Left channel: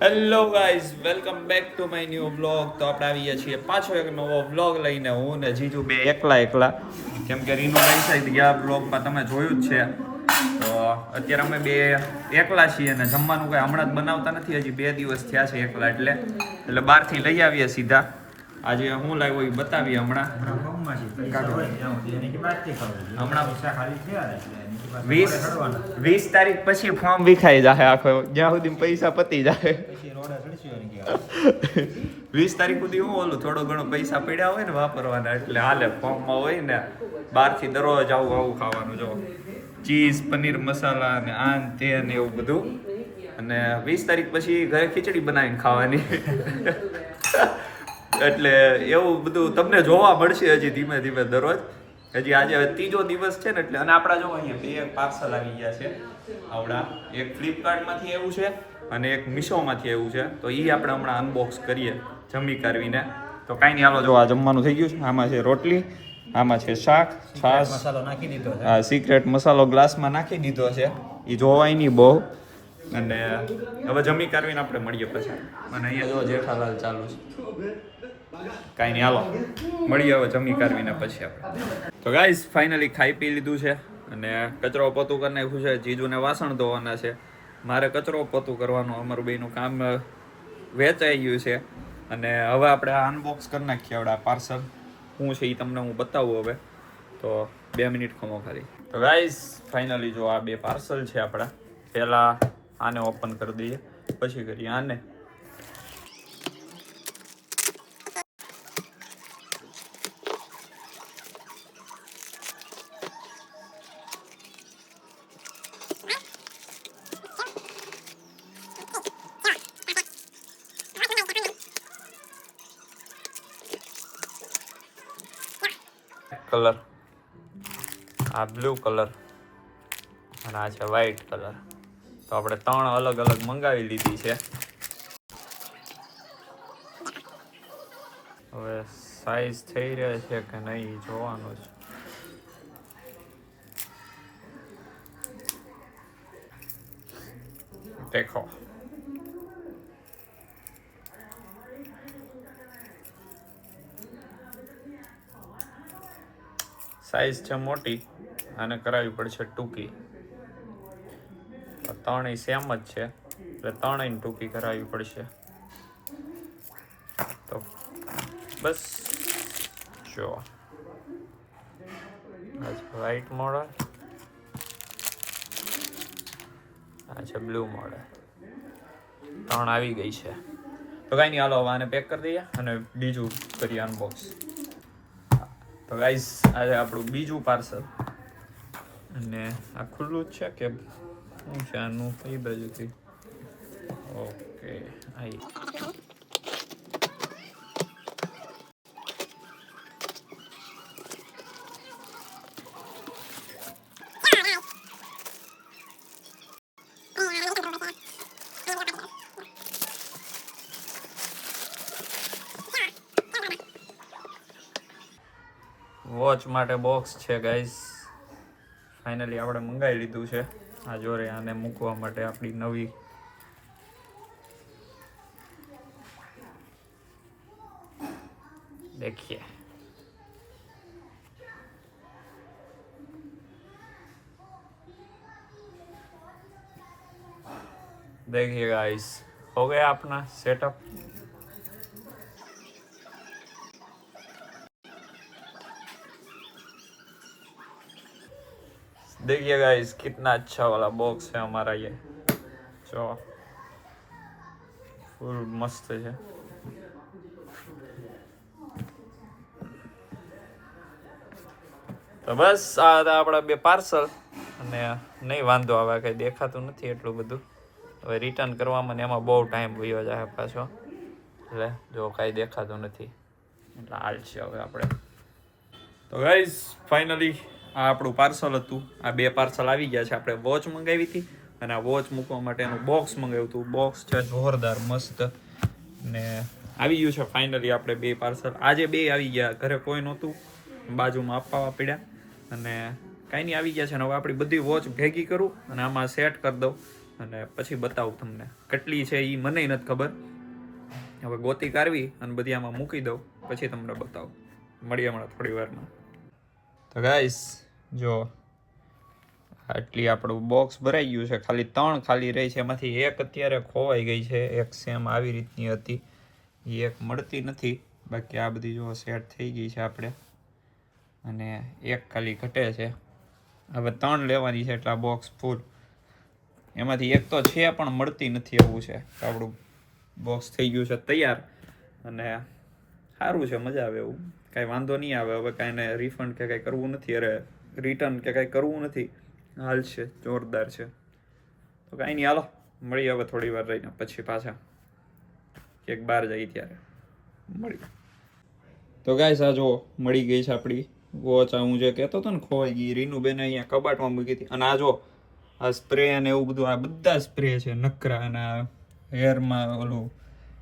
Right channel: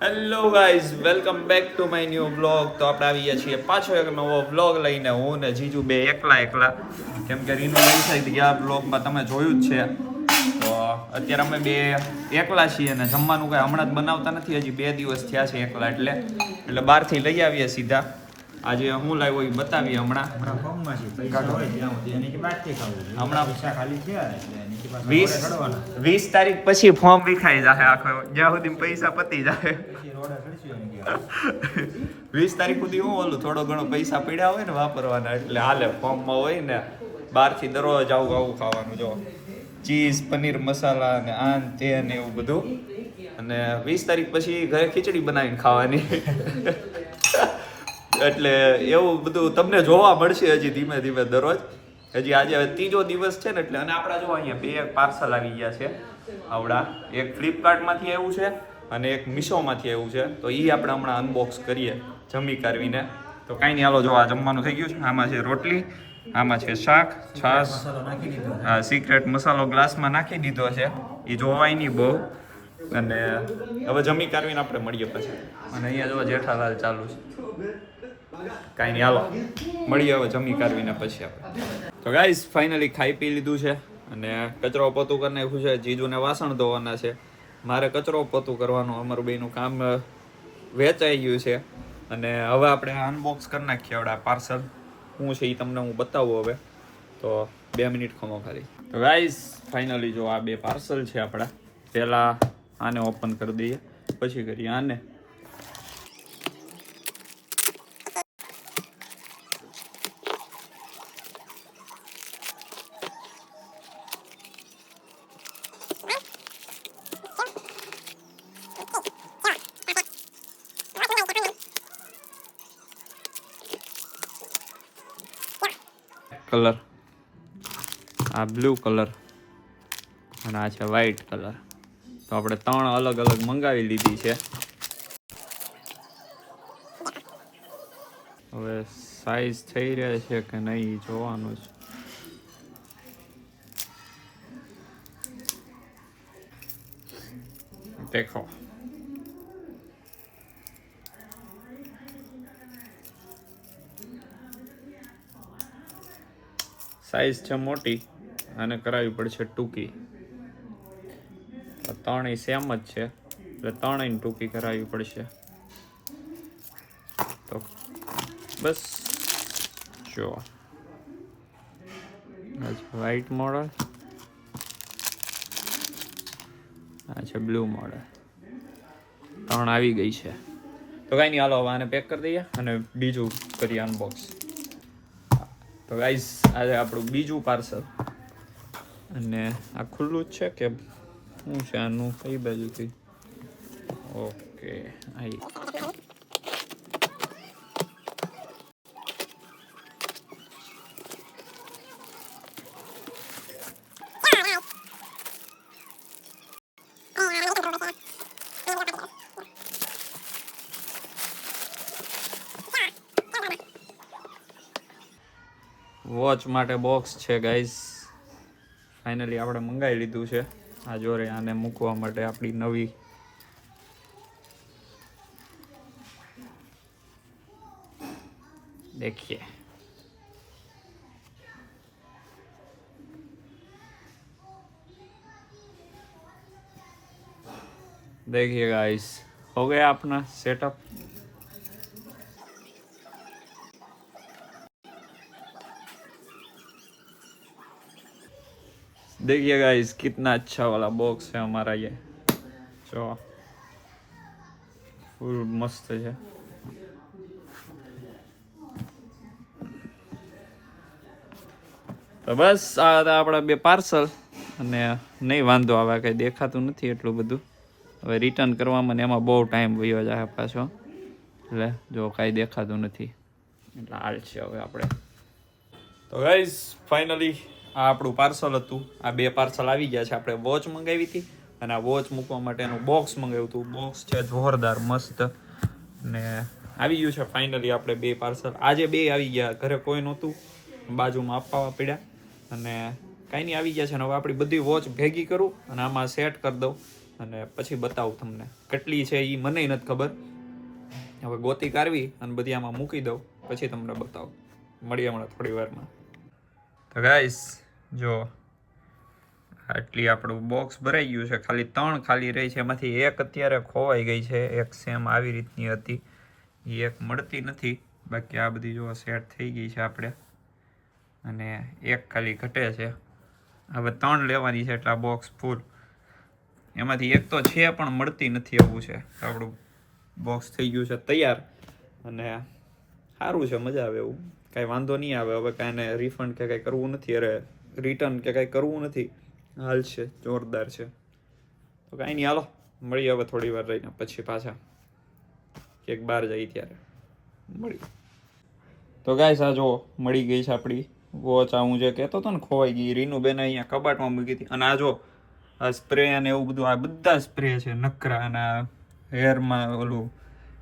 Hello guys, welcome back to my new vlog. તો આપણે આવી ગયા છીએ પાછો એક નવો વ્લોગ લઈને. હું ને જીજુ બે એકલા કેમ કે રીનુ ગઈ છે ગયા વ્લોગમાં તમે જોયું જ છે. તો અત્યારે અમે બે એકલા છીએ અને જમવાનું કંઈ હમણાં જ બનાવતા નથી. હજી 2 દિવસ થયા છે એકલા એટલે બહારથી લઈ આવીએ સીધા. આજે હું લાવ્યો એ બતાવીએ હમણાં 20 તારીખ પછી ફોર્મ વિખાઈ જશે આખો, જ્યાં સુધી પૈસા પતી જાય. 20 તારીખ સુધી હું ઓલું થોડો ઘણો પૈસા પડ્યા હોય ને વાપરવાના એટલે હાલે. ફોર્મમાં હોય ને બહારથી દરરોજ આવું ખાવાનું, જો ચીઝ પનીર મસાલા ને આન તે ને એવું બધું. અને 20 તારીખ પછી ઘરે ખીચડી બનાવીને ખાવાની. એટલે એવું બધું તમને જોવા મળશે હજી ધીમે ધીમે દરરોજ. હજી આજે 3જો દિવસ છે ને એટલે. અને આપણા જો અહીંયા 2 પાર્સલ આવી ગયા છે આવડા. એક ફ્લિપકાર્ટમાંથી આવ્યું છે અને એક મીશોમાંથી આવ્યું છે. તો એ આપણે હમણાં અનબોક્સ કરીએ જમી કાઢવીને. તો કાંઈ નહીં, હાલો. જો આ જમવાનું થઈ ગયું છે. આમાં છે રોટલી, આમાં છે શાક, છાશ, મસાલો નાખી દીધો છે. હા, સિક્રેટ મસાલો ગ્લાસમાં નાખી દીધો છે. એ જોવાય નહીં બહુ. અને હવે જમી કાઢવીને આપણે મળીએ પછી. અને અહીંયા જો જેઠાલાલ ચાલુ છે. કાંઈ નહીં, હાલો મળીએ હવે જમી કાઢવીને પછી આપણે. તો ગાઈઝ ફાઇનલી ખાઈ પી લીધું છે અને કચરો પોતું કરી નાખ્યું છે. જીજુને વાસણ ધોવાના છે, મારે કચરો પોતું કરવાનું. અમારું બેનું કામ વેચાઈ ગયું છે. અને હવે આપણે અનબોક્સ કરી નાખીએ આપણે આ પાર્સલ. શું છે એ તમને હું બતાવું હવે. તો 2 મિનિટ ખમો ખાલી. તો ગાઈઝ ફાઇનલી જો આ 2 પાર્સલ છે આપણા. પહેલાં આને ઓપન કરી દઈએ, પછી કરીએ આને. કલર આ બ્લુ કલર અને આ છે વ્હાઈટ કલર. તો આપણે 3 અલગ અલગ મંગાવી લીધી છે. હવે સાઈઝ થઈ રહ્યા છે કે નહીં જોવાનું છે. દેખો, સાઈઝ છે મોટી, આને કરાવવી પડશે ટૂંકી. 3 સેમ જ છે એટલે 3 ટૂંકી કરાવવી પડશે. તો બસ જો વ્હાઈટ મોડલ, આ છે બ્લુ મોડલ. 3 આવી ગઈ છે. તો કાંઈ નહીં, હાલો આને પેક કરી દઈએ અને બીજું કરીએ અનબોક્સ. તો ગાઈઝ આજે આપણું બીજું પાર્સલ. અને આ ખુલ્લું જ છે કે શું છે આનું, કઈ બાજુથી? ઓકે, અહીં વોચ માટે બોક્સ છે ગાઈઝ. ફાઇનલી આપણે મંગાવી લીધું છે. આ જોરે આને મૂકવા માટે આપણી નવી देखिए देखिए गाइस, हो गया अपना सेटअप. देखिए गाइस कितना अच्छा वाला बॉक्स है हमारा ये, जो फुल मस्त है. તો બસ આ હતા આપણા 2 પાર્સલ. અને નહીં વાંધો આવે, કંઈ દેખાતું નથી એટલું બધું. હવે રિટર્ન કરવામાં એમાં બહુ ટાઈમ વયો જાય પાછો. એટલે જો કાંઈ દેખાતું નથી એટલે હાલ છે હવે આપણે. તો ગાઈઝ ફાઇનલી આ આપણું પાર્સલ હતું. આ 2 પાર્સલ આવી ગયા છે. આપણે વોચ મંગાવી હતી અને આ વોચ મૂકવા માટેનું બોક્સ મંગાવ્યું હતું. બોક્સ છે જોરદાર મસ્ત ને આવી ગયું છે ફાઇનલી આપણે 2 પાર્સલ. આજે 2 આવી ગયા, ઘરે કોઈ નહોતું, બાજુમાં આપવા પડ્યા. અને કાંઈ નહીં આવી ગયા છે. ને હવે આપણી બધી વોચ ભેગી કરું અને આમાં સેટ કરી દઉં અને પછી બતાવું તમને કેટલી છે એ મને નથી ખબર. હવે ગોતી કાઢવી અને બધી આમાં મૂકી દઉં પછી તમને બતાવું. મળીએ હમણાં થોડી વારમાં. તો ગાઈસ જો આટલી આપણું બોક્સ ભરાઈ ગયું છે. ખાલી 3 ખાલી રહી છે. એમાંથી એક અત્યારે ખોવાઈ ગઈ છે. એક સેમ આવી રીતની હતી, એ એક મળતી નથી. બાકી આ બધી જો સેટ થઈ ગઈ છે આપણે, અને એક ખાલી ઘટે છે. હવે 3 લેવાની છે એટલે આ બોક્સ ફૂલ. એમાંથી એક તો છે પણ મળતી નથી એવું છે. આપણું બોક્સ થઈ ગયું છે તૈયાર, અને સારું છે, મજા આવે એવું, કાંઈ વાંધો નહીં આવે. હવે કાંઈ રિફંડ કે કાંઈ કરવું નથી, અરે રિટર્ન કે કાંઈ કરવું નથી. હાલ છે, જોરદાર છે. તો કાંઈ નહીં, હાલો મળીએ હવે થોડી વાર રહીને પછી પાછા એક બહાર જઈએ ત્યારે મળીએ. તો ગાઈસ આ જો મળી ગઈ છે આપણી વોચ. આ હું જે કહેતો હતો ને ખોવાઈ ગઈ, રીનુબેન અહીંયા કબાટમાં મૂકી હતી. અને આ જો આ સ્પ્રે અને એવું બધું, આ બધા સ્પ્રે છે નકરા, અને હેરમાં ઓલું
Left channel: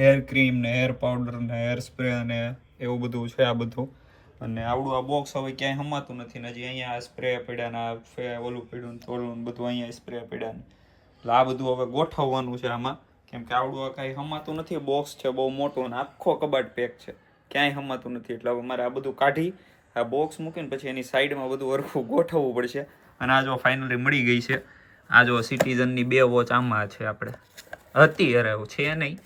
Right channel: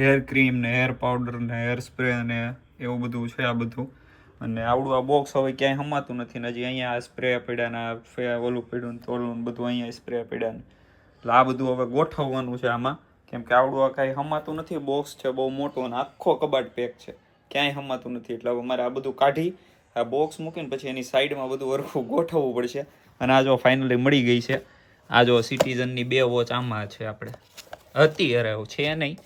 હેર ક્રીમ ને હેર પાવડર ને હેર સ્પ્રે ને એવું બધું છે આ બધું. અને આવડું આ બોક્સ હવે ક્યાંય હમાતું નથી ને, હજી અહીંયા આ સ્પ્રે પડ્યા ને ઓલું પડ્યું ને તોલું બધું અહીંયા સ્પ્રે પડ્યા ને, એટલે આ બધું હવે ગોઠવવાનું છે આમાં. કેમ કે આવડું આ કાંઈ હમાતું નથી. બોક્સ છે બહુ મોટું અને આખો કબાટ પેક છે, ક્યાંય હમાતું નથી. એટલે હવે મારે આ બધું કાઢી આ બોક્સ મૂકીને પછી એની સાઈડમાં બધું હરખું ગોઠવવું પડશે. અને આ જો ફાઇનલી મળી ગઈ છે. આ જો સિટીઝનની 2 વોચ આમાં છે. આપણે હતી, અરે છે નહીં,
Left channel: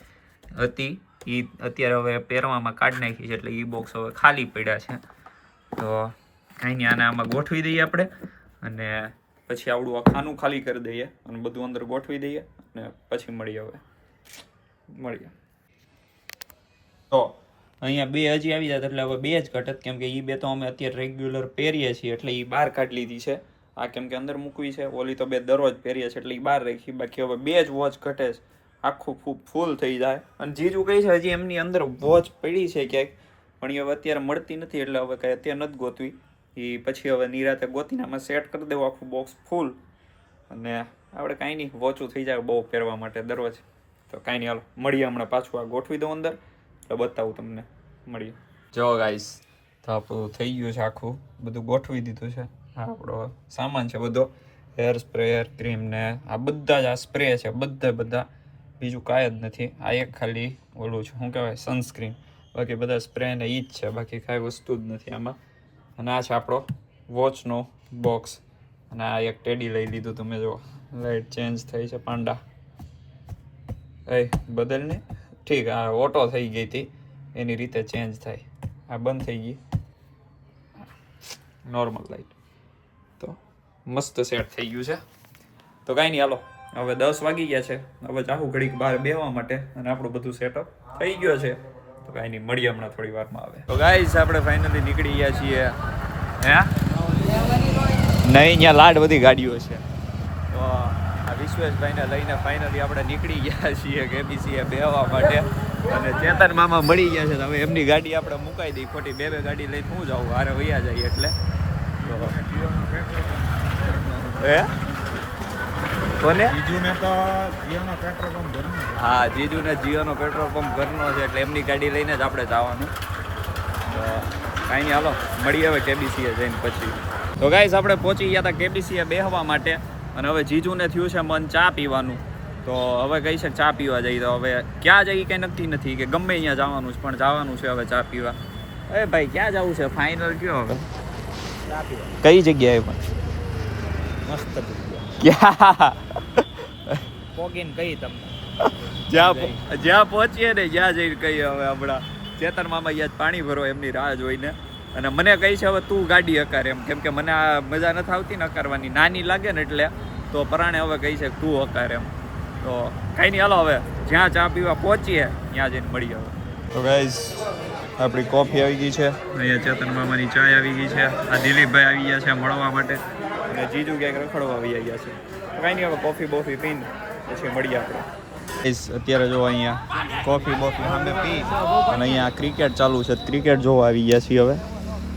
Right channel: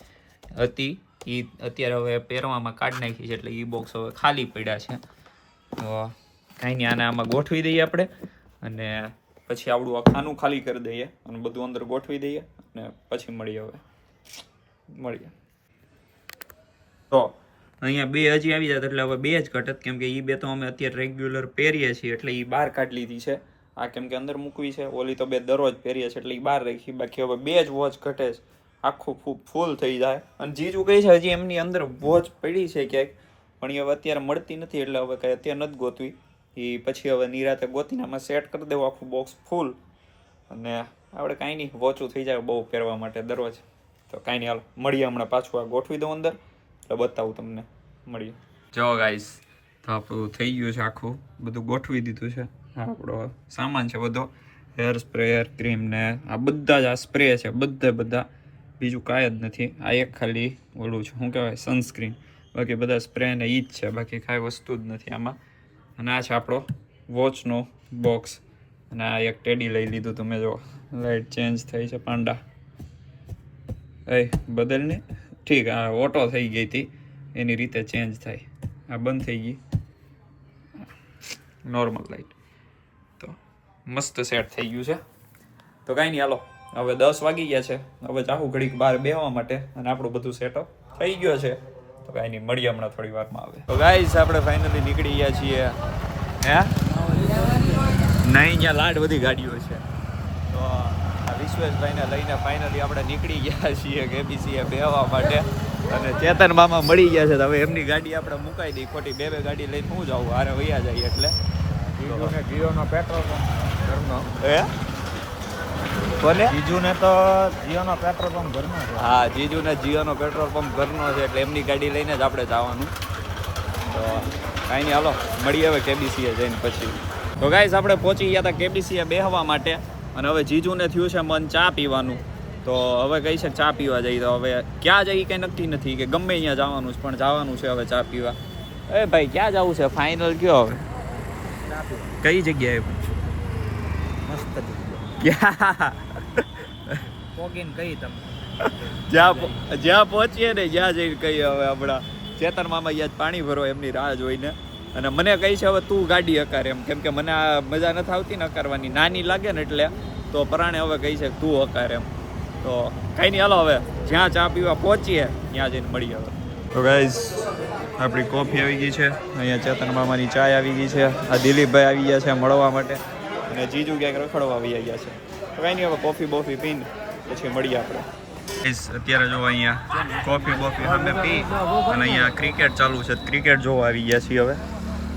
હતી એ અત્યારે હવે પહેરવામાં કાઢી નાખી છે, એટલે એ બોક્સ હવે ખાલી પડ્યા છે. તો કાંઈ નહીં, આને આમાં ગોઠવી દઈએ આપણે, અને પછી આવડું આ ખાનું ખાલી કરી દઈએ અને બધું અંદર ગોઠવી દઈએ, અને પછી મળીએ. હવે મળીએ. તો અહીંયા 2 હજી આવી જાય એટલે હવે 2 જ ઘટત, કેમ કે એ 2 તો અમે અત્યારે રેગ્યુલર પહેરીએ છીએ એટલે એ બહાર કાઢી લીધી છે. આ કેમ કે અંદર મૂકવી છે, ઓલી તો 2 દરરોજ પહેરીએ છીએ એટલે એ બહાર રાખી. બાકી હવે 2 જ વોચ ઘટે છે, આખું ફૂલ થઈ જાય. અને જીજુ કહે છે હજી એમની અંદર વોચ પડી છે ક્યાંક, પણ એ હવે અત્યારે મળતી નથી, એટલે હવે કાંઈ અત્યારે નથી ગોતવી. એ પછી હવે નિરાતે ગોતીને આમાં સેટ કરી દેવું આખું બોક્સ ફૂલ, અને આપણે કાંઈ નહીં, વોચું થઈ જાય બહુ પહેરવા માટે દરરોજ. તો કાંઈ નહીં, હાલો મળીએ હમણાં પાછું આ ગોઠવી દઉં અંદર એટલે બતાવું તમને. મળીએ. જો ગાઈસ તો આપણું થઈ ગયું છે, આખું બધું ગોઠવી દીધું છે. આપણો સામાન છે બધો, હેર સ્પ્રે હેર ક્રીમ ને આ બધા જ આ સ્પ્રે છે, બધા બીજું કાંઈ જ નથી. આ એક ખાલી ઓલું છે, શું કહેવાય, સનસ્ક્રીન. બાકી બધા સ્પ્રે ને ઈ જ છે, બાકી કાંઈ વસ્તુ જ નથી આમાં. અને આ છે આપણો વોચનો બોક્સ. અને આ એક ટેડી લઈ લીધું તમે જો, લાઇટ ચેન્જ થઈ છે પાંડા. બદલને ઠીક, આ ઓટો થઈ ગઈ હતી એની રીતે ચેન્જ થાય. આ બંધ થઈ ગઈ નોર્મલ લાઇટ. તો મસ્ત સેટ થઈ ગયું છે. તો કાંઈ નહીં, હાલો હવે 10 વાગી ગયા છે. હવે ચાહું ઘડીક બહાર બેસવા માટે, અને આપણું બધું સેટઅપ થઈ ગયો છે. તો કાંઈ નહીં, મળીએ હમણાં થોડી વારમાં. આવે તો ગાઈસ આપણે ફાઇનલી નીકળી ગયા છીએ. હે નહીં, અહીંયા લાડ બધી ગાડીઓ છે. તો આ વિશ્વેશભાઈને લઈને ફાઇનલી આપણે નીકળી ગયા છીએ કેબીસીએ બેહવા માટે. અને ચેતન મામા મળી ગયા છે, તો હવે એમની ગાડી આપણે મુકાઈ દઈ. ખોટી 2 ગાડી લઈને હું જાઉં, હારે વૈયા જાય એટલે. જીઓનો પેટ્રોલ પંપ હે કોને? જીજુને તો જીઓનો પેટ્રોલ પંપ ઘરનો છે. હા, જીજુને જીઓનો પેટ્રોલ પંપ ઘરનો છે, એટલે એમની ગાડી લઈને જ આપણે જવાનું. તો કાંઈ નહીં, હાલો મળીએ હવે કેબીસીએ જઈને પછી. તો ગાઈસ આપણે પહોંચી ગયા હતા કેબીસીએ બેહવા માટે, અને હવે જીજુને થયું છે મન ચા પીવાનું. તો હવે કઈ છે ચા પીવા જઈએ. તો હવે ક્યાં જઈએ કંઈ નક્કી નથી, કે ગમે અહીંયા જવાનું છે, પણ જવાનું છે હવે ચા પીવા. એ ભાઈ ક્યાં જવું છે ફાઇનલ કયો હવે? ચા પીવા કઈ જગ્યાએ? પણ મસ્ત જગ્યા. ક્યાં પોગીને કઈ તમને જ્યાં પહોંચીએ ને જ્યાં જઈને કહીએ. હવે હમણાં ચેતન મામા યાદ પાણી ભરો એમની રાહ જોઈને, અને મને કહી છે હવે તું ગાડી હકાર એમ, કેમ કે મને આ મજા નથી આવતી ને હકારવાની, નાની લાગે ને એટલે. તો પરાણે હવે કહી છે તું હકાર એમ. તો કાંઈ નહીં, હાલો હવે જ્યાં ચા પીવા પહોંચીએ ત્યાં જઈને મળીએ. હવે તો ગાઈસ આપણી કોફી આવી ગઈ છે, અહીંયા ચેતન મામાની ચાય આવી ગઈ છે, આ દિલીપભાઈ આવી ગયા છે મળવા માટે, અને જીજુ ક્યાંક રખડવા આવી ગયા છે. તો કાંઈ નહીં, હવે કોફી બોફી પીને પછી મળીએ આપણે. અત્યારે જો અહીંયા કોફી બોફી સામે પી અને અહીંયા ક્રિકેટ ચાલુ છે, ક્રિકેટ જોવા આવી ગયા છીએ હવે.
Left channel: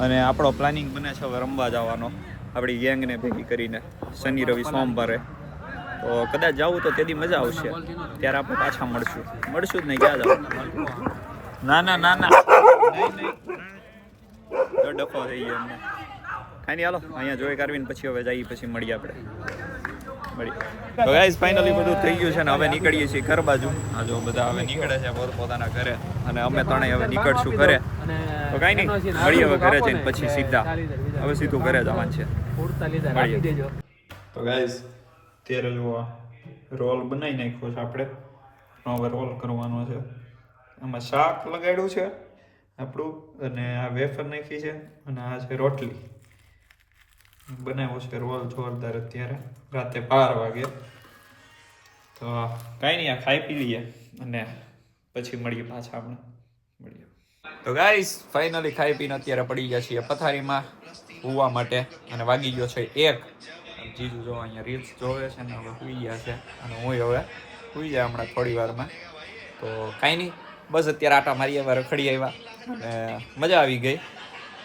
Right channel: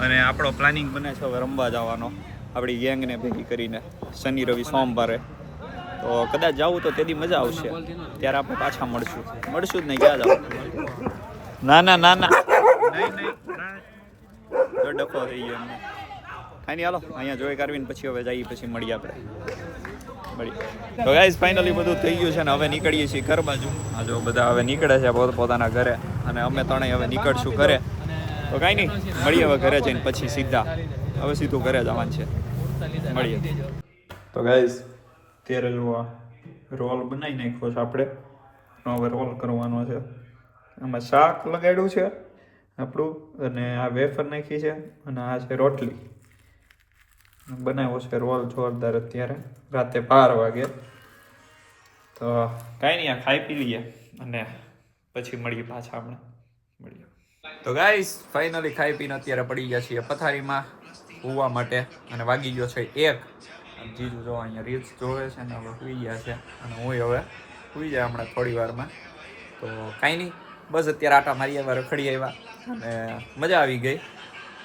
અને આપણો પ્લાનિંગ બને છે હવે રમવા જવાનો આપણી ગેંગને ભેગી કરીને શનિ રવિ સોમવારે. તો કદાચ જવું તો તેથી મજા આવશે, ત્યારે આપણે પાછા મળશું જ નહીં. ક્યાં જવું? ના નહીં તો ડફો થઈ ગયો અમને. કાંઈ નહીં, હાલો અહીંયા જોઈ કાઢવીને પછી હવે જઈએ, પછી મળીએ આપણે. તો ગાઈસ ફાઇનલી બધું થઈ ગયું છે ને હવે નીકળીએ છીએ ઘર બાજુ. આ જો બધા હવે નીકળે છે પોતાના ઘરે અને અમે ત્રણેય હવે નીકળશું ઘરે. તો કાંઈ નહીં, મળીએ હવે ઘરે જઈને પછી હવે સીધું ઘરે જવાનું છે. મળીએ. તો ગાઈસ ત્યારે જો રોલ બનાવી નાખ્યો છે આપણે. હવે રોલ કરવાનો છે. આમાં શાક લગાડ્યું છે આપણું અને આ વેફર નાખી છે અને આ છે રોટલી. બનાવ્યો છે રોલ જોરદાર અત્યારે રાતે 12 વાગે. તો કાંઈ નહીં, આ ખાઈ પી લઈએ અને પછી મળીએ પાછા મળીએ. તો ગાઈસ ફાઇનલી ખાઈ પીને અત્યારે પડી ગયા છીએ પથારીમાં સુવા માટે અને વાગી ગયો છે 1. જીજુ જો અહીંયા રીલ્સ જોવે છે ને હવે સુઈ ગયા છે અને હું હવે સુઈ જાય હમણાં થોડી વારમાં. તો કાંઈ નહીં, બસ અત્યારે આટા મારી આવ્યા, રખડી આવ્યા અને મજા આવી ગઈ.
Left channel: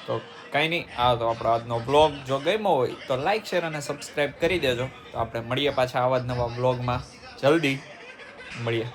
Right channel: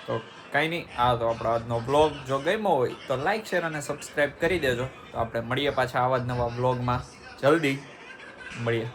તો કાંઈ નહીં, આ તો આપણો આજનો બ્લોગ જો ગમ્યો હોય તો લાઈક શેર અને સબસ્ક્રાઈબ કરી દેજો. તો આપણે મળીએ પાછા આવા જ નવા બ્લોગમાં જલ્દી મળીએ.